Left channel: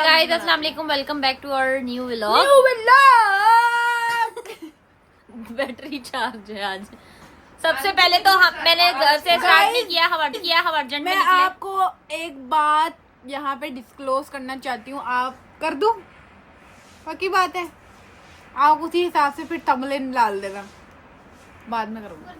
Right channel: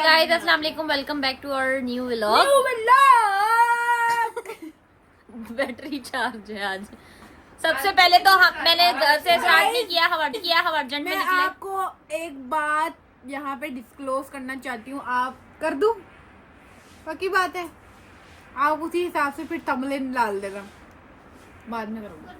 Guys अस्सलाम वालेकुम, welcome back to our new vlog. Battery charge है आज। सबसे पहले तो मैंने घर से स्टार्ट नहीं किया, हम अर्जेंट में निकले। आपको एक बात यहाँ पे डिस्क्लोज करना चाहती हूँ, आप कर दूं? पक्की बात है, आप उसी हिसाब से फिर थंबनेल डाल देना, बाद में करूँगा।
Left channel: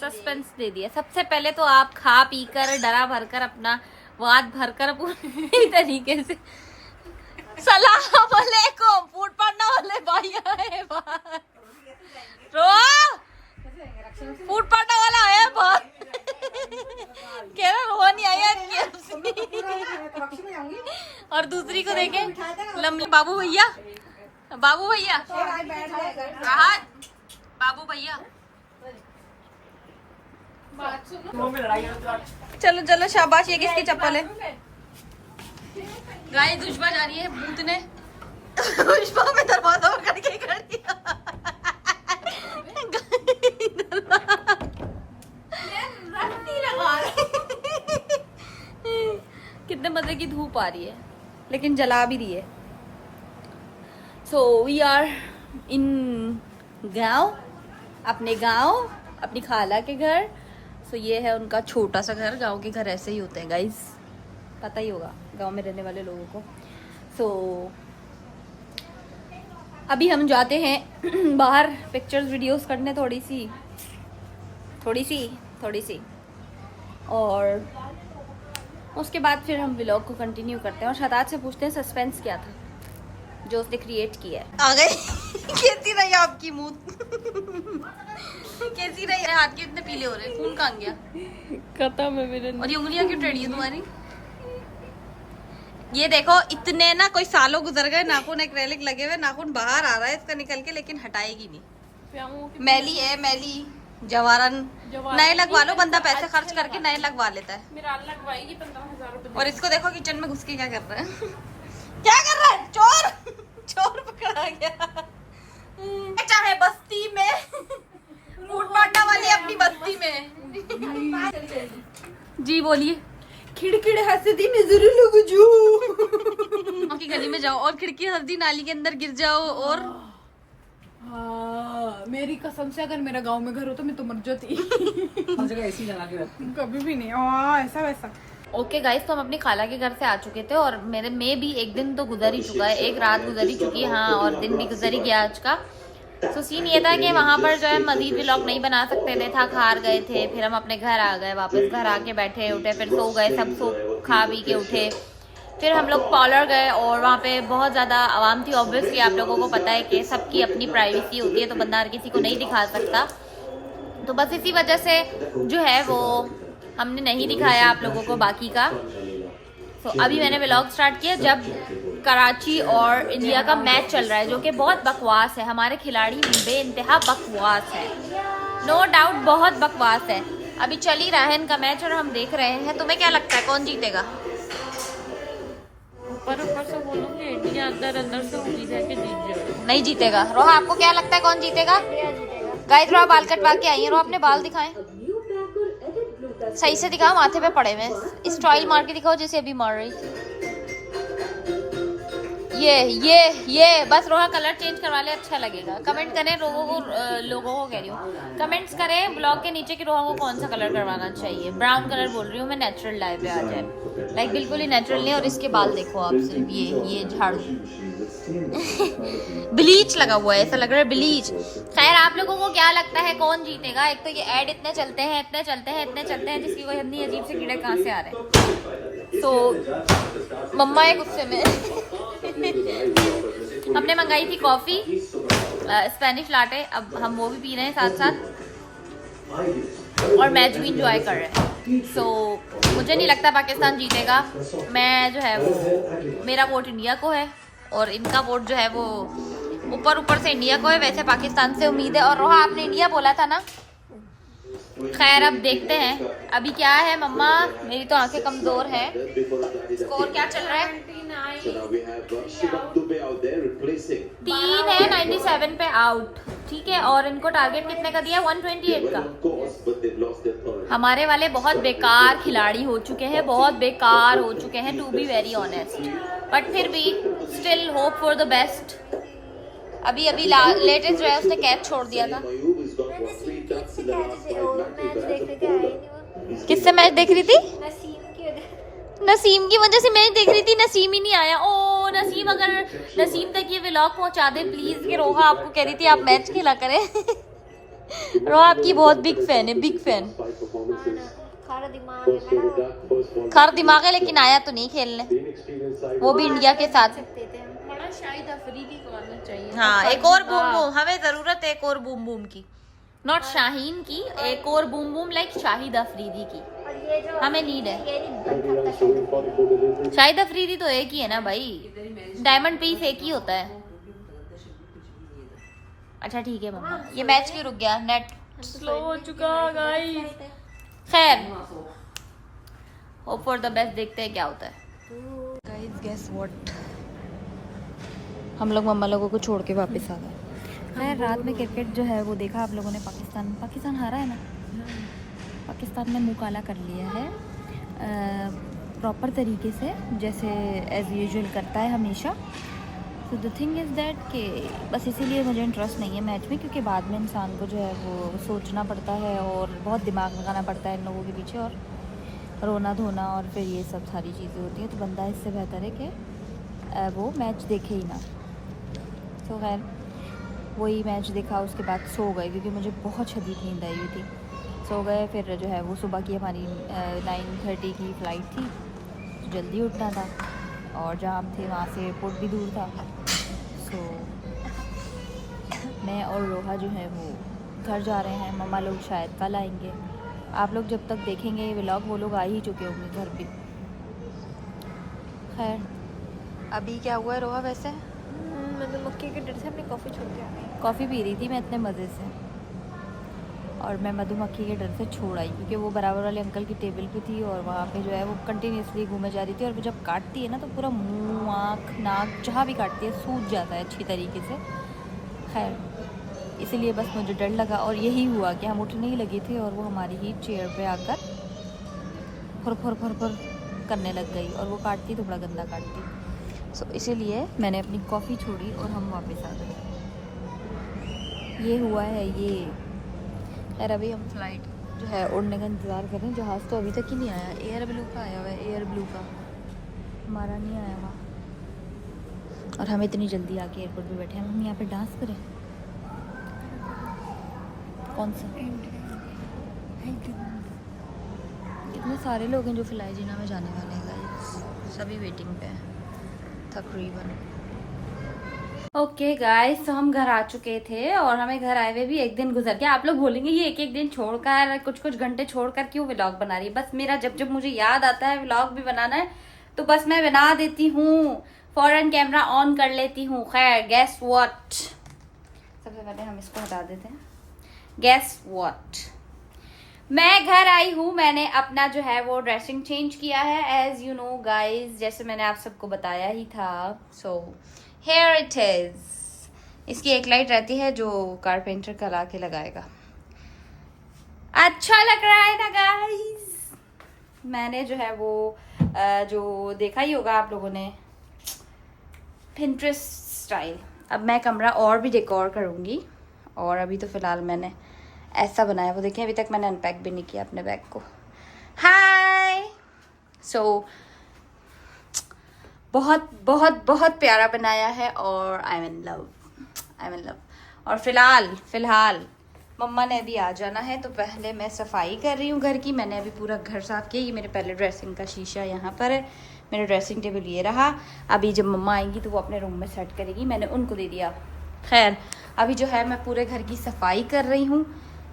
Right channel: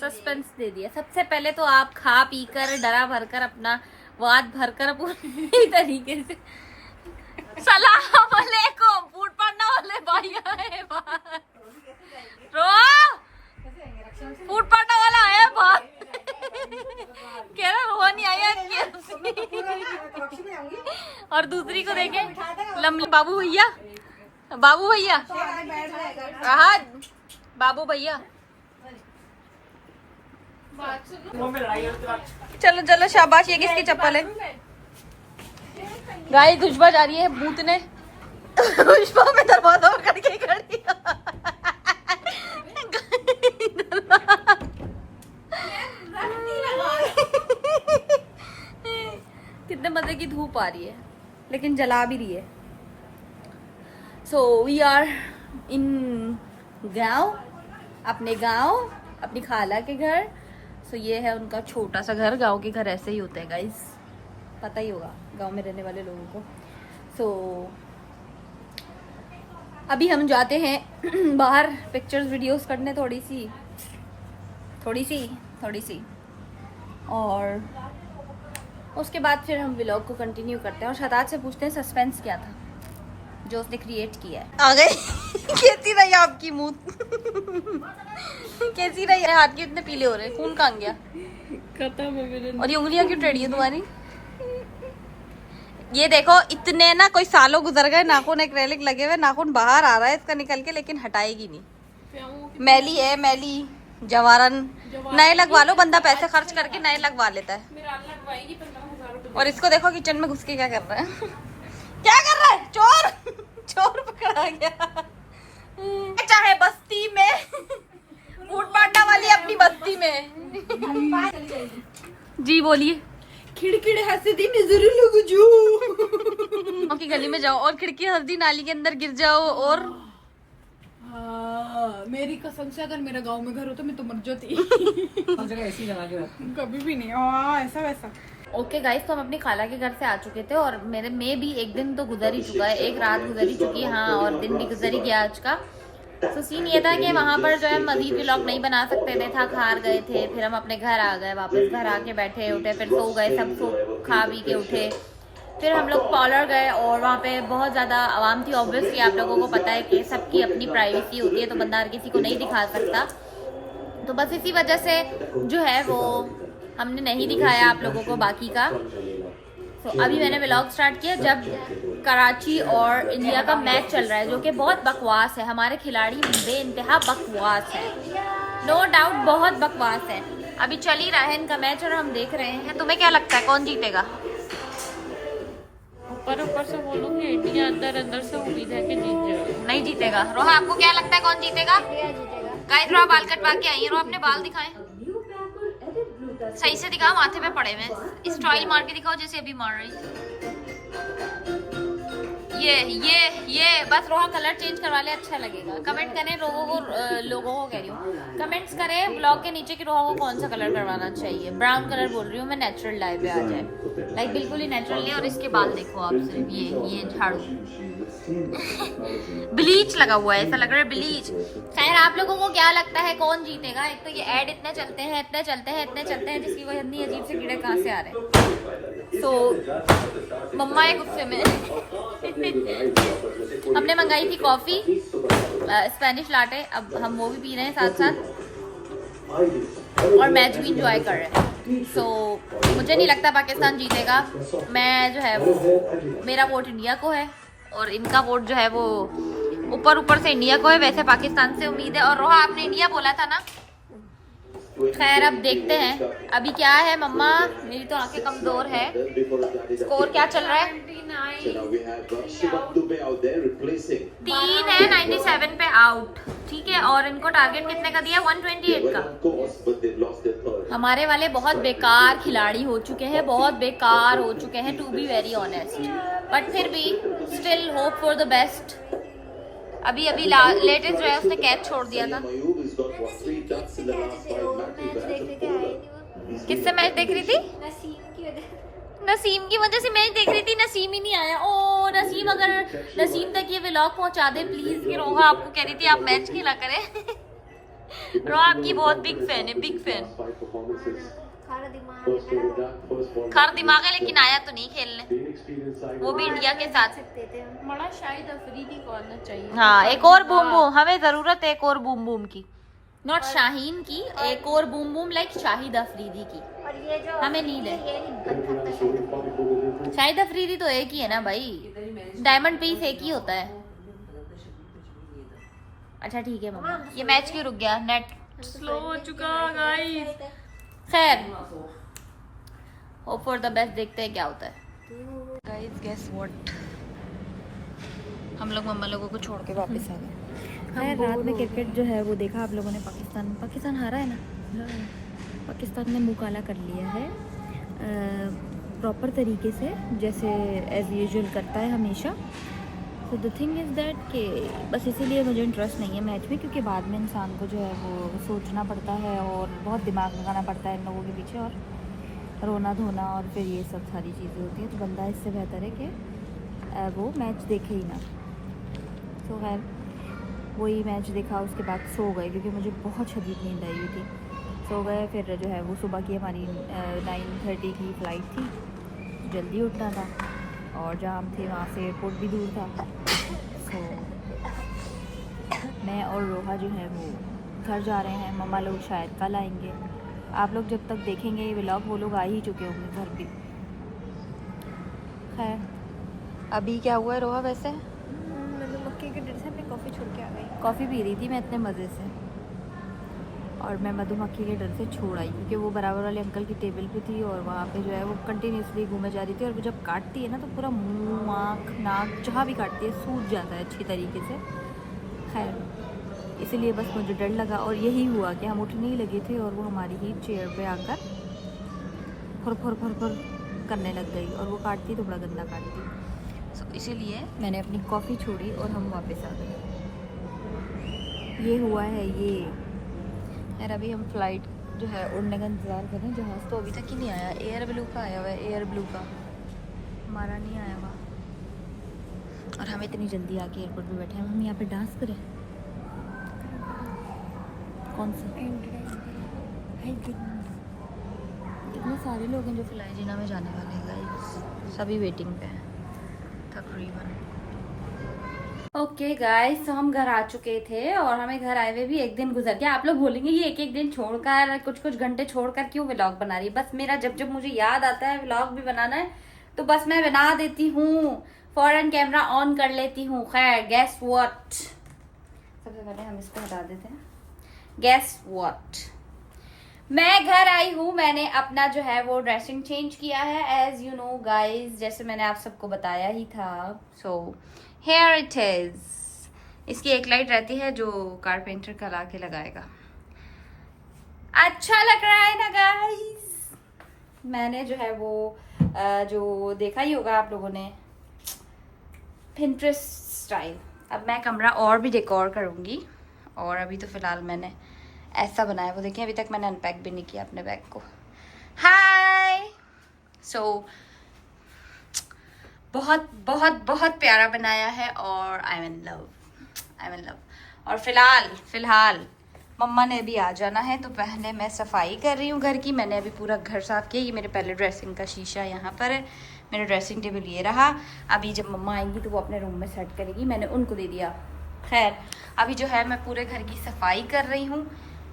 सस्पेंस दे दिया। सबसे पहले तो आप खा पी कर डरा भर कर अपना वाद भर कर पूरी तरीके से सलाम वालेकुम फूड पार्टनर वाले भाई आए बाहर। फूड पार्टनर वाला आया बाहर। कह रहा रोहा नहीं आया और दूसरी को देखे बाबू भैया बाबू भैया चलो चलो शाबाश। ये किसकी चप्पल है? गाय दुश्मन जा रही है भूत ने में दरवाजा करके खड़ी। कितने मजे की धूप आ रही है लेकिन जला भी रही है। सो वी आर इन गांव, अपने गांव, अपनी खाला के घर। सो ये है उनका छोटा सा घर। गांव के घर ऐसे ही होते हैं गाइस, पता ही होगा गांव में रहने वाले लोगों को। सो अभी हम जाते हैं बाहर पिक्चर्स वीडियोस करने थोड़ी सी और उसके बाद फिर हम व्लॉग को कंटिन्यू करते हैं और शताज से पूछते हैं सस्पेंस क्या था जो उसने क्रिएट किया है। आ गए। कैसी रही आपकी मुंह? कैसी रही? हाथ के इतने पीले हो रहे, खून कहाँ गया? खत्म है मेरे। और ये उंगलियां क्यों टेढ़ी है तुम्हारी? ये देखो इतने ना कोई सालों गुजर गए, नाखून एक्रेलिक लगे हुए, नाखून बाहर आ रहा है इसका निकल के, लेकिन हटाएगी नहीं। मैली है मैली। जवारन नए लगवा लो, बंदा पैसे खर्च करके नए लगवा लेता है। 15,000 रुपए। और इसको देखो किचन में घुस के क्या कर रहा है। क्या कर रहा है? चोर पकड़ा गया। चाहे बस्ती में फूड पार्टनर वाली अपनी बस्ती में। जी बोलिए। खिड़खिड़ हंसदी नजर लग जो की गली में जाओ और खिड़की हंसदी नाली के अंदर गिर जाओ और हाँ, मेरी कसम से अगर मेरा गांव में घर हो तो मैं तो मर जाती। ऐसी लगा के कभी भी नहीं। ऐसा वैसा। ओके गाइस, तो हम अपनी खाला के घर से आ चुके थे और मेरे में भी एक दिन तो गुजर ही चुका है, एक रात गुजर ही चुकी है। हाँ, और दिन भी गुजर ही गया आज का। तो सीन ये था कि वहाँ पर जो है मजीद व्लॉग नहीं बना सकते थे, थक हार गए थे। फिर हम अपने घर आ गए, वापस घर आके बैठे उठे, फिर सो गए, सब सो खा पी के उठे। फिर हम लोग पार्लर गए और वहाँ पे बहुत ज़्यादा आवाम थी। ऑब्वियसली आप लोगों को पता है कि सबकी अपनी प्राइवेसी होती है, तो बंदा हर किसी को नहीं दिखा सकता। तो बस इसी वजह से जो है वो हमने नहीं दिखाया आप लोगों को बाकी का। तो अभी मैंने व्लॉग स्टार्ट किया जब कराची और इंडिया का मैच चल रहा है, जो कि बहुत बकवास है। हमारे खिलाड़ी बेइंतहा बकवास है, नो डाउट बहुत बकवास है। अभी चल ही रहा है इनका मैच और हम देख रहे हैं। तुम्हें क्या लगता है कौन जीतेगा? ऊपर से बोलूंगी इंडिया अंदर से उम्मीद है कि जीत जाएगा। नहीं जीतेगा। रोहा आपको क्या लगता है कौन जीतेगा? गाइस रोहा बाल कटवा के आई है। रोहा अपने बाल दिखाएं, सही से दिखाओ, माथे पे पड़े हुए। स्टाइल मार के दिखाओ जैसे अभी मार रही थी। ये बस रोहा कलर चेंज करवा ले, अच्छा लगेगा। कमेंट करें लोगों को कह रही हूँ, कमेंट्स करें ब्लॉग के नीचे कि रोहा को कौन सा कलर करवाना चाहिए। ब्राउन कलर बोल रही हूँ मैं, नेचुरल डाई पे आ जाए। लाइक बिल्कुल ही नेचुरल नहीं। और इसके बाल देखो आप सिर्फ ये झाड़ू ब्लीच लगा हुआ है, ऐसा लग रहा है ब्लीच। खैर आप लोगों को क्या लगता है कौन जीतेगा? एक तो ये ऐड इतने चलते हैं जिसकी कोई इतनी अजीब से कीड़े कहाँ से आ रहे हैं। तो मम्मा है गुस्से में। हमने मंगाई थी कॉफी, स्पेनिश लाटे, अब हम वो भी पी रहे हैं साथ साथ और मैच भी इंजॉय कर रहे हैं। सो मुझे नहीं लगता पाकिस्तान जीतेगा। मैं जो है वो, मेरा वोट इंडिया को है और इनका वोट जो है वो ऊपर से इंडिया को है। वैसे पाकिस्तान से उम्मीद है। और रोहा आपने इंडिया बोला था ना? खैर अब देखते हैं अभी क्या है। मम्मा मेरी तो आंखें कमजोर है। स्कोर क्या चल रहा है? So now we have Shivam Dubey out there replacing. 3 है 97 पे आउट, ठीक है। और इनको टारगेट कितने का दिया? 128 का। Of course, but they've lost their third. हमारे वाले बहुत बेकार खिलाड़ी हो चुके हैं, बहुत बेकार हो चुके हैं, to be very honest. But फिर भी still hope for the best. अभी अभी लेटेस्ट जो है उसने कैच छोड़ दिया था। Mayub has got what 3 ducks in the last 5 matches. किससे मैच देख रही थी? नसीम की वजह से मैच देख रही थी, नसीम ही नहीं आया। ओ नसीम, अगर नसीम तक ये व्लॉग पहुंचा दे प्लीज कि रोहा आपको कह रही थी आप मैच खेला करें। रोहा आपकी बहुत बिग फैन है, बिग फैन। खर दिमाग है लेकिन आया तो नहीं खेलने, वो भी इंडिया के साथ। बड़ा शाहिद अफरीदी करना चाहिए। हाँ, एक और बूम बूम, हमें जरूरत है एक और बूम बूम की, नॉट शाहीन की, एक और boom boom like Shahid Afridi की हमें नीड है। शाहिद अफरीदी तो एक ही है ना भाई, डायमंड पीस एक ही होता है। अच्छा ठीक है मम्मा, ये मैच क्यों रुक गया? नेट स्लो हो चुका गाइस। खैर, होप फॉर द बेस्ट, देखते हैं क्या होता है। गाइस गेस व्हाट, हम लोग मम्मा लोगों को छोड़ के वापस आ गए। खैर रात में क्रिकेट जो है वो देखा आप लोगों ने। पाकिस्तान हारा है ना, पाकिस्तान ने मुँह काला कर लिया है प्रॉपर तरीके से, जैसे एज यूजुअल करता है हमेशा। तो द थिंग इज़ दैट कि बस इसीलिए मुझे इंटरेस्ट नहीं है मैच में, क्योंकि बाद में इंसान को जो है वो सोचना पड़ता है और बहुत दिमाग लगाना पड़ता है इन लोगों के पीछे, और रोना धोना और फिर ये सब सारी चीज़ें होती हैं। तो बंदा इससे बेहतर है कि वो मैच देखे ही ना। तो खैर वही मैच देखा, उसके बाद सो गए क्योंकि मुझे बहुत शदीद नींद आई हुई थी। सो गए, फिर जो है वो सुबह की हमारी 9:30 की फ़्लाइट थी, जल्दी उठना था और जाम थे, वहाँ से एयरपोर्ट भी दूर था। सो मैं और रोहा जो है वो घर जा रहे हैं, मम्मा लोग शायद कल आएंगे। आप लोग जब तक देखेंगे ये व्लॉग वो लोग आ ही चुके होंगे घर भी। खैर अभी क्या हुआ है रोहा? वैसे मतलब मक्के के डर से हमने कॉफ़ी छोड़ के आ गई। कॉफ़ी पी रही थी मैं इतने मज़े से, और मैं मधुमक्खी के डर से छोड़ आई क्योंकि वो बराबर वाले अंकल की टेबल पे थी और वहाँ पे जो है वो कंटिन्यूसली घूमे जा रही थी, और वो जब काटती है ना तो पूरा मुंह, आँख, नाक जहाँ भी काटती है सूज जाता है अच्छी तरीके से। खैर इसीलिए बस मुझे डर लगा, और यही हुआ कि हम उठने ही लगे थे और वो हमारी ही चेयर पे आकर फुर फुर फुर फुर करने लग गई, और वो काटती तो बड़ा गंदा काटती। सो इसीलिए मैंने अपनी कॉफ़ी छोड़ी और हम वापस आ गए। ये हुआ है ये। खैर अभी हम फ्लाइट जो है उड़ने का इंतज़ार कर रहे हैं। जहाज़ तो अभी तक ही नहीं आया। एयर ब्लू का आया हुआ है, एयर ब्लू का, हमारा नहीं आया हुआ। और हम इतनी जल्दी आके एयरपोर्ट पे बैठे हैं। हम यहाँ पे डांस करें? कौन सा? इतने सारे लोग हैं जो फिलहाल जीना में जाने वाले हैं गाइस, सभी वेटिंग पे हैं तकरीबन। ओके गाइस, तो हम घर आ चुके थे और हमें घर आए हुए भी एक दिन गुजर गया। आप लोग बोलेंगे ये एक एक दिन छोड़कर, कुछ कुछ घंटे छोड़कर क्यों व्लॉग बना रही है? बस मेरा जब जब मुझे याद आता है व्लॉग भी बनाना है तो बस मैं बना देती हूँ, फौरन कैमरा ऑन कर लेती हूँ। खैर गेस व्हाट, सबसे पहले हम इसको हटा देते हैं। गेस व्हाट, मैं घर आई हूँ, मैंने अपना जो है वो ड्रेसिंग चेंज किया है एज यू नो गाइज, जैसे मैंने आप सबको बताया ही था। So here it is. इसकी एक लाइट रहती है जो कारपेंटर कल आके लगाएगा। अच्छा लग रहा है ना गाइस? मैंने जो है वो जो देखा ही होगा आप लोगों ने, पिंटरेस्ट स्टाइल। अब मैं कमरा और भी डेकोर करूँगी, और अभी तो फिलहाल मैंने ऐसा बनाया, वो देखिए अभी तक मैंने अनपैक भी नहीं किया अपने बैग को। हाय। सो बहुत बहुत बहुत प्यारा बनाया है और आई एम इन लव। और फिलहाल मम्मा ने अभी आ जाना है, तो पहले मैं सफाई कर रही हूँ घर की। मैंने अभी पूरा घर साफ किया। ये मेरे पहले ड्रेसिंग का शीशा यहाँ पर है, मेरा ड्रेसिंग टेबल ये रहा। अभी जब मम्मा आएंगी तो वो अपने रूम में सेट करेगी, मैंने उनको दे दिया। खैर अभी जो है मैं पूरे घर की सफाई कर रही हूँ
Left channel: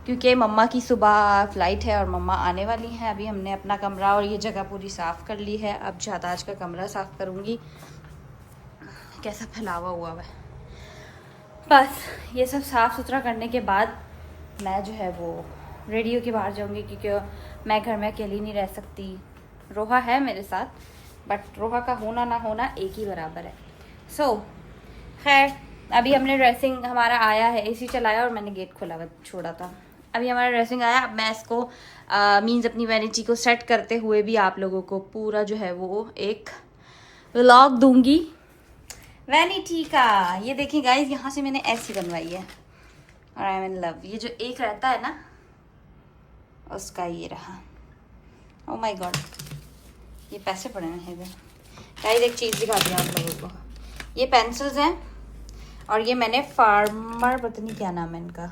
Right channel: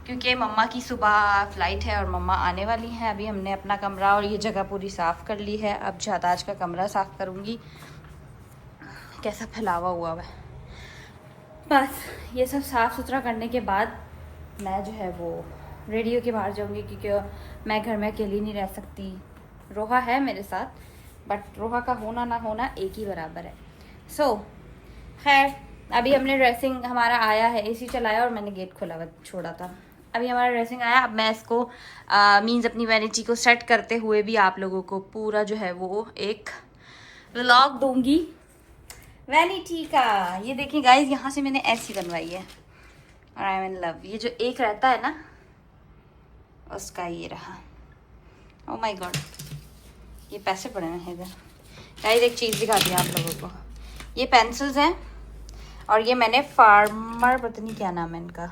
क्योंकि मम्मा की सुबह फ़्लाइट है और मम्मा आने वाली हैं। अभी हमने अपना कमरा और ये जगह पूरी साफ़ कर ली है। अब शाहताज का कमरा साफ़ करूँगी, कैसा फैलावा हुआ है। बस ये सब साफ़ सुथरा करने के बाद मैं जो है वो रेडियो के बाहर जाऊँगी, क्योंकि मैं घर में अकेली नहीं रह सकती। रोहा है मेरे साथ बट रोहा का होना ना होना एक ही बराबर है। सो खैर अभी हमने ड्रेसिंग हमारा आया है, एसी चलाया और मैंने गेट खुला हुआ छोड़ा था। अभी हमारा ड्रेसिंग आया, अब मैं इसको मीन्स अपनी वैनिटी को सेट करते हुए भी आप लोगों को पूरा जो है वो एक व्लॉग दूंगी वैनिटी का। ये देखें गाइस, यहाँ से मैंने ऐसी बनवाई है, आई एम इन लव। ये जो एक रहता है ना उसका ये रहा। ओ माय गॉड, ये पैसे पड़े हैं इधर। गाइस एक चीज़ दिखाती हूँ आप लोगों को, ये पेंसिल्स हैं और ये मैंने फार्मर, पता नहीं क्या नाम है इनका,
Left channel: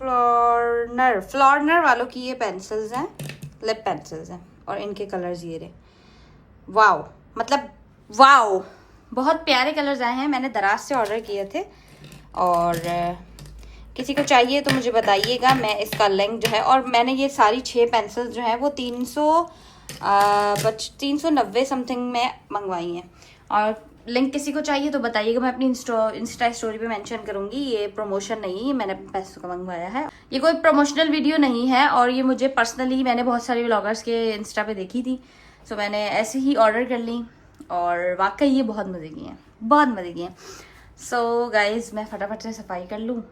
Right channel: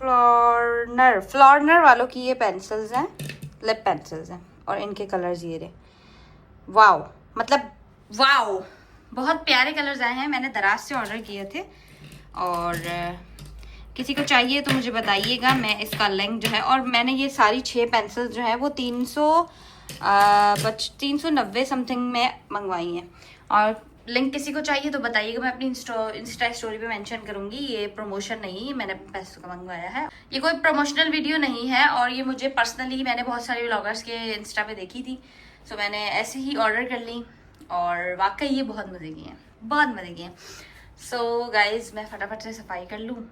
फ्लोरनर वालों की ये पेंसिल्स हैं, लिप पेंसिल्स हैं और इनके कलर्स ये रहे। वाओ, मतलब वाओ, बहुत प्यारे कलर्स आए हैं। मैंने दराज से ऑर्डर किए थे और किसी को चाहिए तो मुझे बताइएगा। मैं इसका लिंक जो है, और मैंने ये सारी 6 पेंसिल्स जो है वो 390 समथिंग में मंगवाई हैं। और लिंक किसी को चाहिए तो बताइएगा, मैं अपनी इंस्टा स्टोरी पे मेंशन करूंगी। ये प्रमोशन नहीं है, मैंने अपने पैसों का मंगवाया है। ये कोई प्रमोशनल वीडियो नहीं है और ये मुझे पर्सनली, मैंने बहुत सारे व्लॉगर्स के इंस्टा पे देखी थी, सो मैंने ऐसे ही ऑर्डर कर ली और वाकई ये बहुत मजे की हैं, बहुत मजे की हैं। सो गाइज मैं फटाफट से सफाई कर लूँ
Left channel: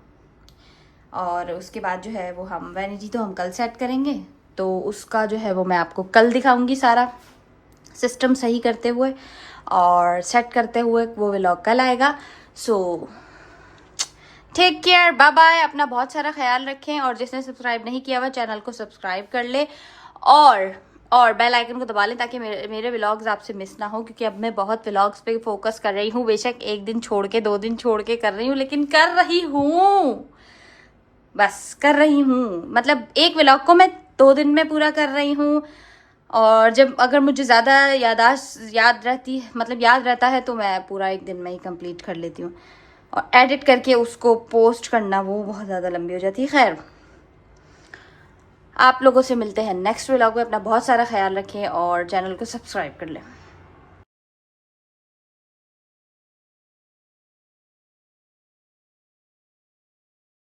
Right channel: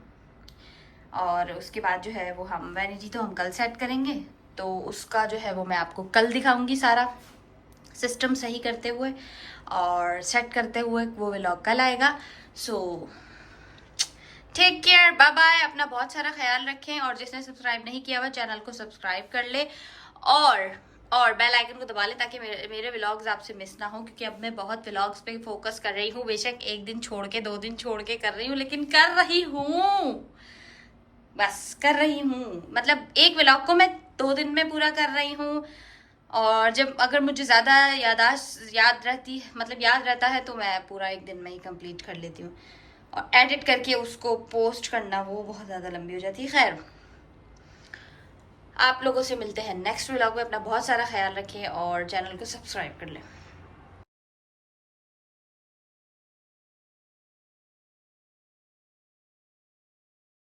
और उसके बाद जो है वो हम वैनिटी तो हम कल सेट करेंगे, तो उसका जो है वो मैं आपको कल दिखाऊंगी सारा सिस्टम सही करते हुए और सेट करते हुए। वो व्लॉग कल आएगा। So take care, bye bye, अपना बहुत सारा ख्याल रखें और जिसने सब्सक्राइब नहीं किया हुआ चैनल को सब्सक्राइब कर ले और बेल आइकन को दबा लें ताकि मेरे व्लॉग्स आपसे मिस ना हो, क्योंकि अब मैं बहुत व्लॉग्स पे फोकस कर रही हूँ। बेशक एक दिन छोड़ के 2 दिन छोड़ के कर रही हूँ, लेकिन कर रही हूँ, बस कर रही हूँ। मतलब एक व्लॉग को मैं 2 दिन में पूरा कर रही हूँ और जब अगर मुझे ज़्यादा याद रहता है तो मैं पूरा 1 दिन में ही कंप्लीट कर लेती हूँ। और एडिट करके उसको पोस्ट करना वो बहुत ज़्यादा लंबी हो जाती है। खैर, आप लोगों से मिलते हैं नेक्स्ट व्लॉग में। अपना बहुत सारा ख्याल रखें और चैनल को सब्सक्राइब कर लें।